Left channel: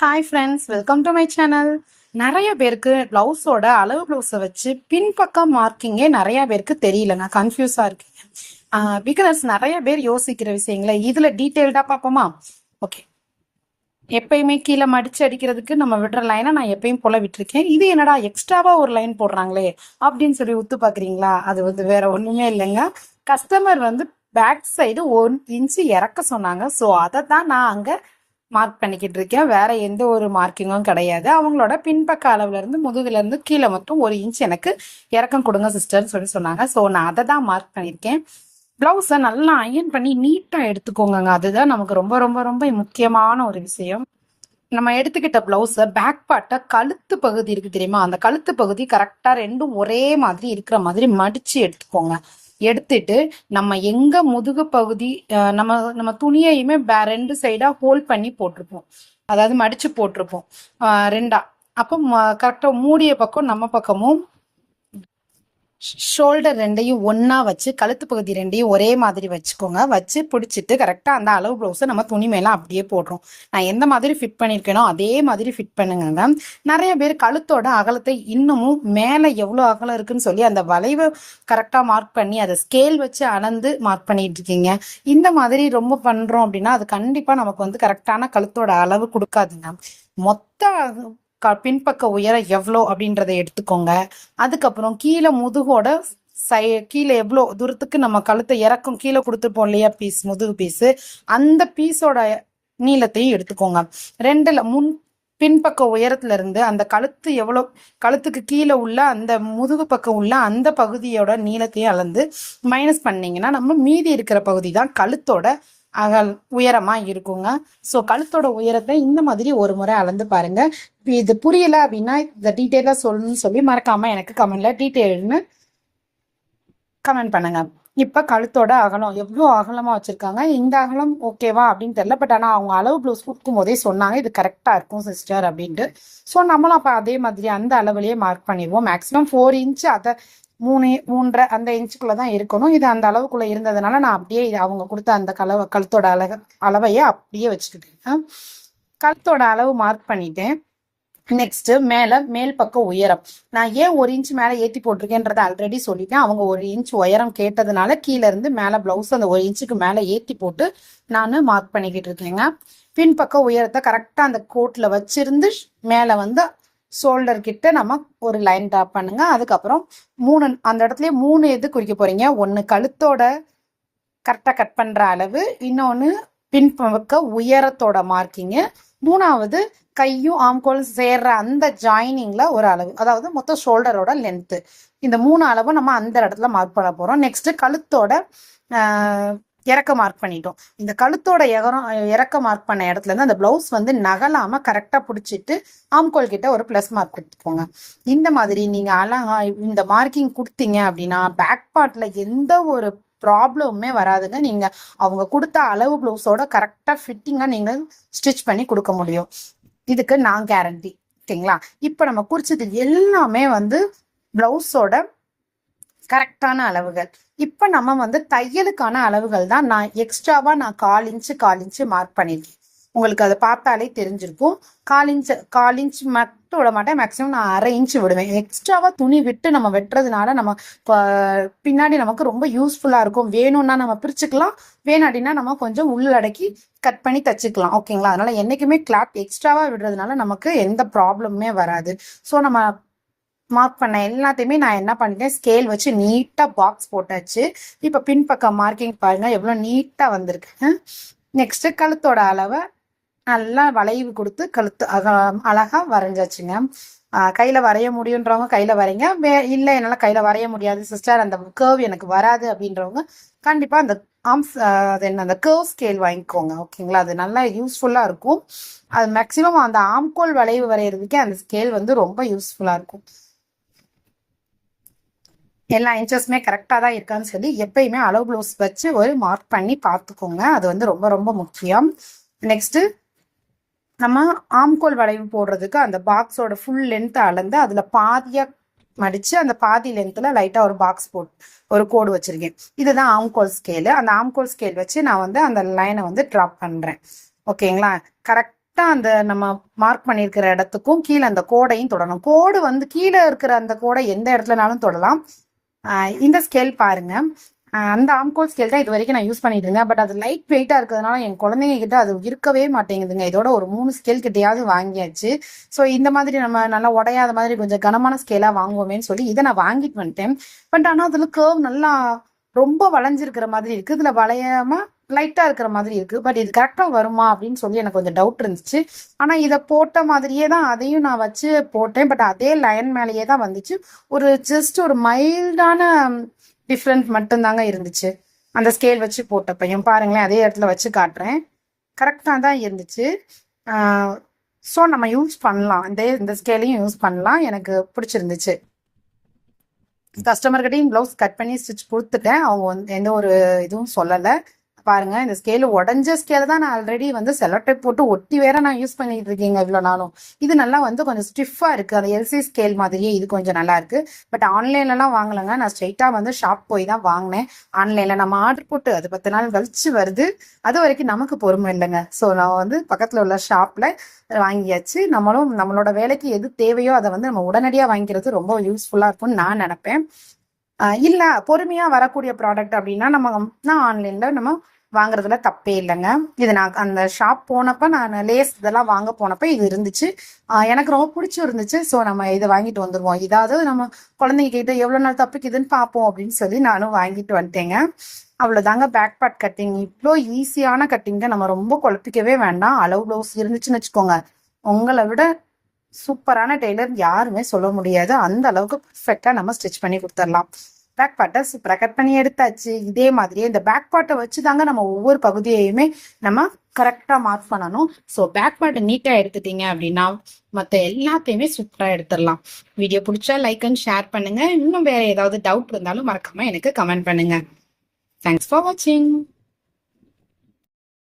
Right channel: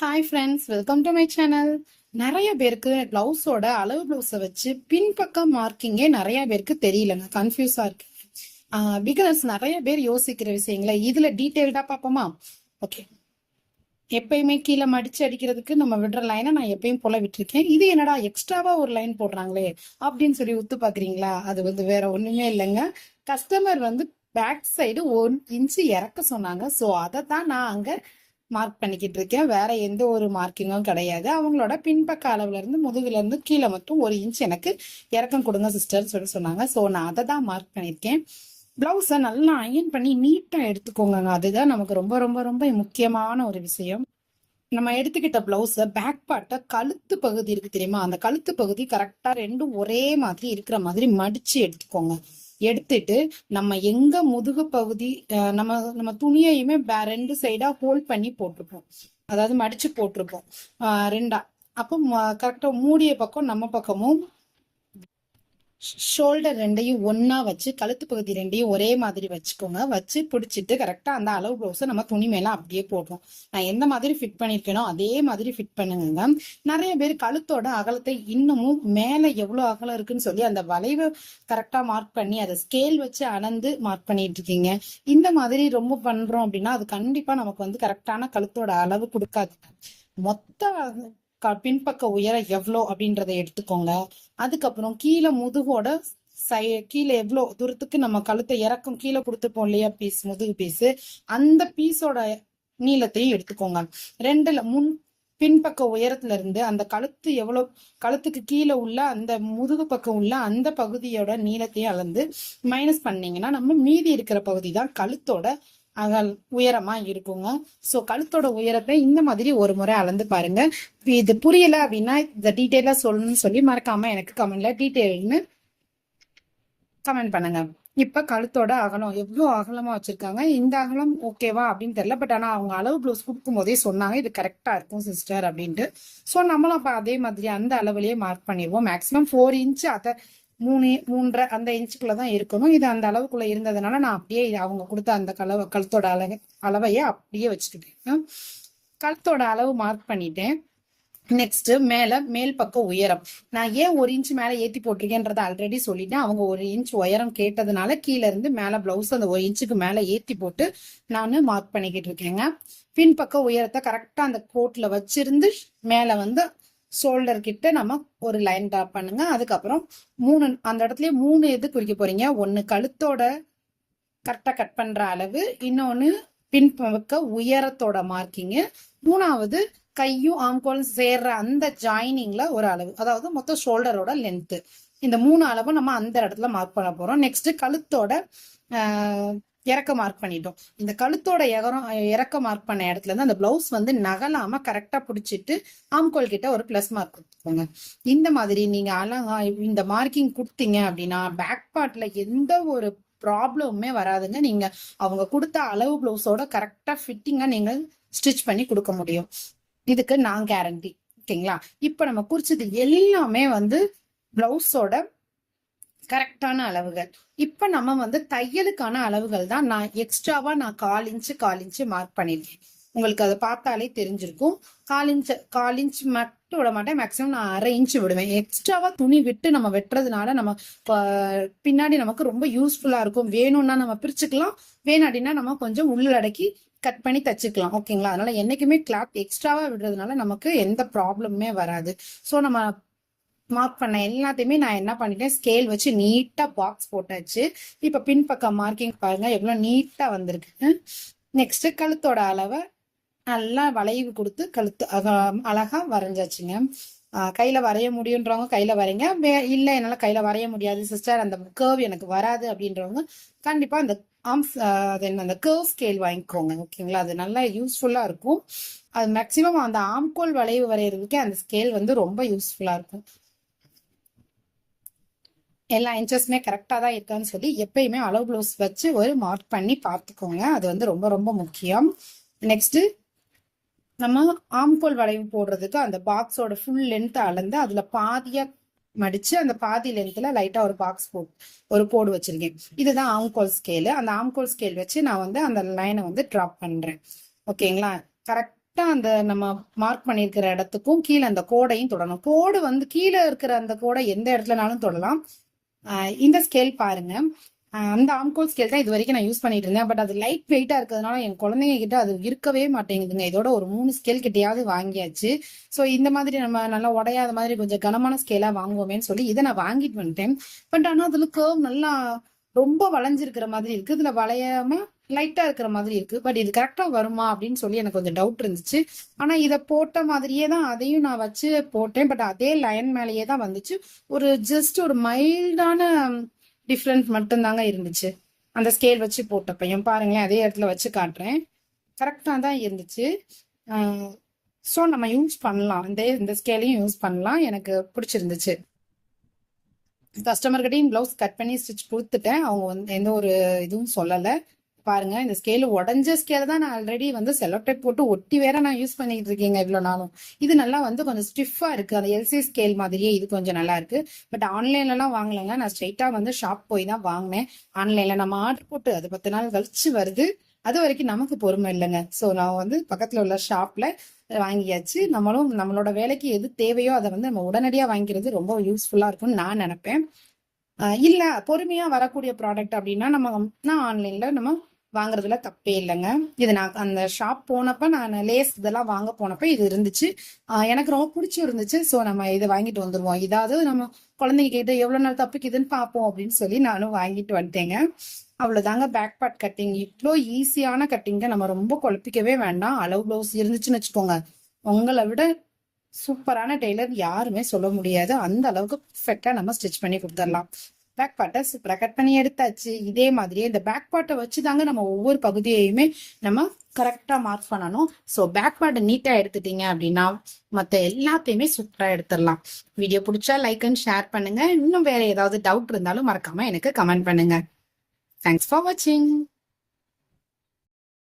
Hi friends welcome to my channel நிறைய பேருக்கு பிளவுஸோட அளவு பிளவுஸை வச்சு பின்பக்கம் மார்க்கிங்கே நிறைய பேருக்கு தெரியலங்க கன்ஃபியூஸாக இருக்கீங்க பிகினர்ஸ் நிறைய பேர் யோசிக்கிற விஷயங்களை இதில் டீட்டெயில்டாக பார்ப்போமா? ஓகே எப்பயுமே கீழே மடிச்சு அடிக்கிறதுக்கு நம்ம விடுற லைனை நான் எப்பயும் போல விட்டுருக்கேன். இது என்னடா எக்ஸ்ட்ராவா ஒரு லைன் போடுறாங்களே அப்படின்னு சொல்லி உத்து பாக்குறீங்களா அது வந்து வேற ஒண்ணுமே இல்லைங்க. கஸ்டமர் வந்து பேக் சைடு ஒன் இன்ச்சு இறக்க சொன்னாங்க. ஸோ அதை தான் நான் அங்கே மார்க் பண்ணிக்கிட்டு இருக்கேன் வேற எந்த ஒரு மார்க்கிங்கும் கிடையாது. அவங்களோட பின்பக்க அளவுல இருந்து முதுகுல இருந்து கீழே மட்டும் ஒரு இன்ச் எனக்கு இறக்கம் கொடுங்க சிஸ்டர்னு சொல்லி சொன்னாங்க. ஸோ நான் அதை தான் மார்க் பண்ணியிருக்கேன் பிளவுஸை நல்லா அயன் பண்ணி நீட்டாக எடுத்துக்கோங்க அதுதான் நமக்கு ரொம்ப ரொம்ப ரொம்ப முக்கியமான ஒரு விஷயம். நம்ம எடுத்துக்கிட்ட பிளவுஸை பேக் பார்ட்டை கழுத்து பகுதி இருக்கு தெரியுமா? அந்த கழுத்து பகுதி கரெக்டாக ரெண்டும் ஒரே மாதிரி இருக்கிற மாதிரி மடிச்சு எடுத்துக்கோங்க. எடுத்துட்டு நம்ம எங்க முதுகு பகுதி அஹ், நம்ம நம்ம துணியையுமே ரெண்டு சைடா ஹோல்ட் பண்ணி போட்டிருப்போம். அதாவது மடிச்சு போட்டிருப்போம். ரெண்டா. அப்போ கரெக்டா மூடிய பக்கம் நம்ம பக்கமும் ஷோல்டர் ரெண்டையும் ஒன்றா வச்சு கழுத்து பகுதி ரெண்டையும் ஒரே மாதிரி வச்சுக்கோங்க. வச்சு பிடிச்சிட்டு கரெக்டா அந்த அளவு ப்ளவுஸை நம்ம துணி மேல அப்படியே போடுறோம். நான் எந்த மாதிரி ஃபிட் பண்ணிருக்கேனோ அதே மாதிரி ஃபிட் பண்ணுங்க நிறைய பேர் கழுத்தோட அகலத்தை இன்னமும் மேல எவ்வளோ அகலம் இருக்குன்னு சொல்லி அந்த வளைவை கரெக்டா மார்க் பண்ணி அதை ஸ்கேல் வச்சு அளந்து மார்க் பண்ணிட்டு இருக்கீங்க. இந்த மாதிரி ரொம்ப பண்றோம் அப்படின்னா அது கண்டிப்பா நமக்கு வந்து கரெக்டான கழுத்தோட அளவு கொடுக்காதுங்க மொத்த க- பின்பக்க உயரம் எவ்வளோ அப்படின்றத எடுத்துக்கோங்க. அதுக்கப்புறம் கீழே முதுகோட சை கீழே எவ்வளோ தூரத்துக்கு நம்ம கழுத்தை இறக்கும் கீழே கொடுத்துருப்போம் இல்லையா பீஸ் முதுகு பீஸு அந்த பீஸோட நீளத்தையும் எடுத்துக்கோங்க. ரெண்டுல முன் பின்பக்க உயரத்துல இருந்து அந்த கழுத்து எவ்வளோ கழுத்துக்கு கீழே உள்ள அந்த முதுகு பக்கம் உள்ள அந்த பகுதியோட நீளத்தையும் அளந்து மைனஸ் பண்ணீங்கன்னா நம்ம மீதி இருக்கிற பகுதி தான் கழுத்தோட அகல் உயரமா இருக்குங்க. ஸோ கழுத்தோட உயரத்தை இந்த மாதிரி ஒரு முறை அளந்து பாருங்க. இது புரியல அப்படின்னா இந்த டீட்டெயிலா சொல்லணும்னு சொல்லி மறக்காம எனக்கு கமெண்ட்ல டீட்டெயில்னு கமெண்ட் பண்ணுங்க. இப்ப கழுத்தோட அகலம் எவ்வளோ அகலமா வச்சிருக்காங்க? இந்த அகலம் ஓகேவா அப்படின்னு தெரியல. பட் ஆனா அவங்க அளவு ப்ளவுஸ் கொடுக்கும் போதே சொன்னாங்க இது கரெக்டா இருக்கும் சிஸ்டர் அப்படின்ட்டு. ஸோ நம்மளும் அப்ப அதே மாதிரி அந்த அளவுலயே மார்க் பண்ணிடுவோம். மேக்ஸிமம் ஃபோர் இன்ச் அதை மூணு மூன்றரை அந்த இன்ச்சுக்குள்ள தான் இருக்கணும். இது அந்த அளவுக்குள்ள இருந்ததுனால நான் அப்படியே இது அவங்க கொடுத்த அந்த கலவை கழுத்தோட அளவு அளவையே அப்படியே வச்சுக்கிட்டேன். கழுத்தோட அளவு மார்க் பண்ணிட்டேன். நெக்ஸ்ட் மேல மேல் பக்கம் உயரம். நான் ஏன் ஒரு இன்ச் மேல ஏத்தி போட்டிருக்கேன்றத ஆல்ரெடி சொல்லிட்டேன். அவங்க ஒரு இன்ச் உயரம் கேட்டதுனால கீழே இருந்து மேல பிளவுஸ் அந்த ஒரு இன்ச்சுக்கு மேல ஏத்தி போட்டு நான் மார்க் பண்ணிக்கிட்டு இருக்கேங்க. பின்பக்க உயரத்தை கரெக்டா அந்த கோட்ல வச்சிருந்து மேல வந்து ஷோல்டர் கிட்ட நம்ம ஒரு லைன் ட்ராப் பண்ணுங்க. அதுக்கப்புறம் மூணு அந்த இடத்துல மூணு எது குறிக்க போறீங்க? ஒன்னு கழுத்தோட கரெக்டா கட் பண்ற அளவு இன்னொன்னு பின்பக்க உயரத்தோட மார்க்கிங்கு மூணாவது கையும் ஆம்கோலும் சேர்ற அந்த ஜாயினிங்ல ஒரு அளவு அதாவது மொத்தம் ஷோல்டரோட லென்த்து இந்த மூணு அளவும் நம்ம அந்த இடத்துல மார்க் பண்ண போறோம். நெக்ஸ்ட் கழுத்தோட இறக்க மார்க் பண்ணிட்டோம். இந்த கழுத்தோட இகரம் இறக்க மார்க் பண்ண இடத்துல இருந்து அந்த பிளவுஸ் வந்து நகலாம கரெக்டா பிடிச்சிட்டு ஆம்கோல் கிட்ட ஒரு பிளஸ் மார்க் கொடுத்துக்கோங்க. இந்த மாதிரி நீங்க அழகா இந்த மார்க்கிங் கொடுத்தீங்க அப்படின்னா பேக் பார்ட்ல எந்த ஒரு ப்ராப்ளமுமே வராதுங்க. நீங்க அவங்க கொடுத்த அளவு பிளவுஸோட கரெக்டா ஃபிட்டிங்கா நீங்க ஸ்டிச் பண்ணி கொடுக்க முடியும். இதுக்கு நான் கேரண்டி ஓகேங்களா? இப்போ நம்ம குறிச்சது எல்லாமே வந்து பிளவுஸோட கரெக்டான அளவுகள். இப்போ நம்ம வந்து தையலுக்கான அளவுகள் தான் நான் எக்ஸ்ட்ராவா நான் கால் இன்ச்சு கால் இன்ச்சு மார்க் பண்ணியிருக்கேன் உங்களுக்கு அதை பார்த்தாலே தெரிஞ்சிருக்கும். கால் இன்ச்சு கால் இன்ச் மட்டும் விட மாட்டேன். மேக்ஸிமம் நான் அரை இன்ச்சு விடுவேன். எக்ஸ்ட்ராவா துணி விட்டு நம்ம வெட்டுறதுனால நம்ம பின்னாடி நமக்கு ரொம்ப யூஸ்ஃபுல்லா இருக்கும். வேணும்னா நம்ம பிரிச்சுக்கலாம். வேணாடினா நம்ம கொஞ்சம் உள்ளடக்கி கட் பண்ணி தச்சுக்கலாம். ஓகேங்களா அதனால என்னைக்குமே கிளாத் எக்ஸ்ட்ராவா விடுறதுனால நமக்கு எந்த ப்ராப்ளமுமே வராது. ஸோ நம்ம மார்க் பண்ண எல்லாத்தையுமே நான் என்ன பண்ணிட்டேன்? ஸ்கேல் வச்சு நீட்டா பாக்ஸ் போட்டாச்சு. இப்ப பின்பக்கம் மார்க்கிங் பாருங்க எவ்வளவு நீட்டா வந்திருக்கு. நெக்ஸ்ட் கழுத்தோட அளவை நல்லா வளைவு கொடுத்து கழுத்து அழகா வரைஞ்சாச்சுங்க. கையில் கையில வரைய முடியுன்றவங்க கையில வரைங்க. வே இல்ல என்னால கையில வரைய முடியாது. சிஸ்டர் அந்த கேர்வ் எனக்கு வராது அப்படின்றவங்க கண்டிப்பா அந்த ஆம்ஸ் அது என்ன அந்த கேர்வ் ஸ்கேல் வாங்கிக்கோங்க. ஓகேங்களா? அது நல்லா யூஸ்ஃபுல்லா இருக்கும். அது மேக்சிமம் அந்த ஆம்கோல் வளைவு வரைகிறதுக்கே அந்த ஸ்கேல் வந்து ரொம்ப யூஸ்ஃபுல்லா இருக்கும். எல்லா இன்ச்சஸுமே கரெக்டாக தான் இருக்கான்னு சொல்லி எப்பயுமே அளவு ப்ளவுஸ் வச்சு ஒரு மார்க் பண்ணி பார்த்துக்கோங்க. அது வந்து ரொம்ப ரொம்ப முக்கியம். நெக்ஸ்ட்டு நம்ம ஆம்கோல் வளைவு போடுறதுக்கு அந்த பாக்ஸோட ஃபுல் லென்த்தை அளந்து அதில் பாதியாக மடிச்சு அந்த பாதி லென்த்தில் லைட்டாக ஒரு பாக்ஸ் போட்டு ஒரு கோடு வச்சுருக்கேன். இதுதான் ஆம்கோல் ஸ்கேலு அந்த ஆம்கோல் ஸ்கேல் வச்சு நான் வந்து அந்த லைனை வந்து ட்ராப் பண்ணுறேன் ஓகேங்களா? கரெக்ட் அந்த நம்ம மார்க் பண்ணியிருக்கிற இடத்துக்கும் கீழே அந்த கோடையும் தொடணும். கோடு வந்து கீழே இருக்கிற அந்த கோடை எந்த இடத்துலனாலும் தொடலாம். இந்த ஸ்கேல் பாருங்க. அந்த ஆம்கோல் ஸ்கேல் தான் இது வரைக்கும் நான் யூஸ் பண்ணிட்டு இருந்தேன். பட் அது லைட் வெயிட்டா இருக்கிறதுனால என் குழந்தைங்க கிட்ட அது இருக்கவே மாட்டேங்குதுங்க. இதோட ஒரு மூணு ஸ்கேல் கிட்டையாவது வாங்கியாச்சு. ஸோ இந்த மாதிரி நம்ம நல்லா உடையாத மாதிரி கொஞ்சம் கனமான ஸ்கேலா வாங்குவோமேன்னு சொல்லி இதை நான் வாங்கிட்டு வந்துட்டேன். பட் ஆனால் அதுல கர்வ் நல்லா ரொம்ப வளைஞ்சிருக்கிற மாதிரி இருக்கு. இதுல வளையாம லைட்டா இருக்கிற மாதிரி இருக்கு. பட் இது கரெக்டா வருமா அப்படின்னு சொல்லி எனக்கு கொஞ்சம் டவுட் இருந்துச்சு. ஆனா இதை போட்ட மாதிரியே தான் அதையும் நான் வச்சு போட்டேன். பட் அதே லைன் மேலேயே தான் வந்துச்சு. ஒரு ஜஸ்ட் ஒரு மைல்டான டிஃப்ரெண்ட் மட்டும்தாங்க இருந்துச்சு. அந்த ஸ்கேல் வச்சு போட்டப்பையும். பாருங்களேன் அதே இடத்துல வச்சு காட்டுறேன். கரெக்டாக தான் இருந்துச்சு. ஸோ நம்ம யூஸ் பண்ணலாம். இந்த இந்த ஸ்கேலையும் யூஸ் பண்ணலாம். எனக்கு பிடிச்சிருந்துச்சு. கஸ்டமர்கிட்டையும் ப்ளவுஸ் கட் பண்ணி ஸ்டிச் கொடுத்துட்டேன். அவங்க வந்து எந்த ஒரு இதுவும் சொல்லலை. பாருங்க இந்த ஸ்கேல் உடஞ்ச ஸ்கேல் தான் நான் ஆல்ரெடி வந்து செலோடைப் போட்டு ஒட்டி வேற நான் யூஸ் பண்ணிட்டு இருக்கீங்க இவ்வளோ நாளும். இது நல்லா வந்து கொஞ்சம் ஸ்டிஃபா இருக்கு. அந்த எல்சி ஸ்கேல் மாதிரியே இது கொஞ்சம் நல்லா இருக்கு. பட் ஆன்லைன்லலாம் வாங்கலைங்க. நான் ஸ்ட்ரைட்டா வந்து ஷாப் போய் தான் வாங்கினேன். ஆன்லைன்ல நம்ம ஆர்டர் போட்டு அது பத்து நாள் கழிச்சு வருது. அது வரைக்கும் நமக்கு பொறுமை இல்லைங்க. ஸோ நான் வந்து பக்கத்துல உள்ள ஷாப்ல வாங்கியாச்சு. நம்மளும் நம்மளோட வேலைக்கு எது தேவையோ அதை வந்து நம்ம உடனடியாக வாங்கிக்கிறது ரொம்ப யூஸ்ஃபுல்லா இருக்கும்னு நான் நினைப்பேன். இல்லை இல்ல பொறுமையா வரக்கூடிய ப்ராடக்ட் அப்படின்னா நம்ம நான் ஆன்லைன்ல நம்ம வாங்குறதுல தப்பே இல்லைங்க. இது நான் அந்த ஷாப் போனப்ப நான் லேஸ் இதெல்லாம் வாங்க போனப்ப இது இருந்துச்சு. எனக்கு ரொம்ப பிடிச்சி இருந்துச்சு. ஸோ நம்ம இதை வாங்கிட்டு வந்துடுவோம் இதாவது நம்ம குழந்தைங்க கிட்ட எவ்வளோ நாள் தப்பிக்குதுன்னு பார்ப்போம் அப்படின்னு சொல்லி நானும் வாங்கிட்டு வந்துட்டேங்க. அவ்வளோதாங்க பேக் பார்ட் கட்டிங் இவ்வளோ ஈஸியான கட்டிங்க நம்ம ரொம்ப குழப்பிக்கவே வேண்டாம். அளவு ப்ளவுஸ் இருந்துச்சுன்னு வச்சுக்கோங்க. உங்களை விட சூப்பரான டெய்லர் யாருமே சொல்ல முடியாது. அந்த அளவுக்கு பர்ஃபெக்டா நம்ம ஸ்டிச் பண்ணி கொடுத்துடலாம். பேக் பார்ட்டை சூப்பராக பண்ணி எடுத்தாச்சு. இதே மாதிரியே இந்த பேக் பார்ட்டை வச்சு தாங்க நம்ம ஒவ்வொரு பகுதியையுமே நம்ம கரெக்டாக மார்க் பண்ணணும். ஸோ பேக் பார்ட்டை நீட்டாக எடுத்துட்டீங்க அப்படின்னா மற்ற எல்லாத்தையுமே சூப்பராக எடுத்துடலாம். வீடியோ பிடிச்சா லைக் அண்ட் ஷேர் பண்ணுங்க. இன்னும் வேற ஏதாவது டவுட் இருந்தாலும் மறக்காம எனக்கு கமெண்ட் பண்ணுங்க. தேங்க்ஸ் ஃபார் வாட்சிங்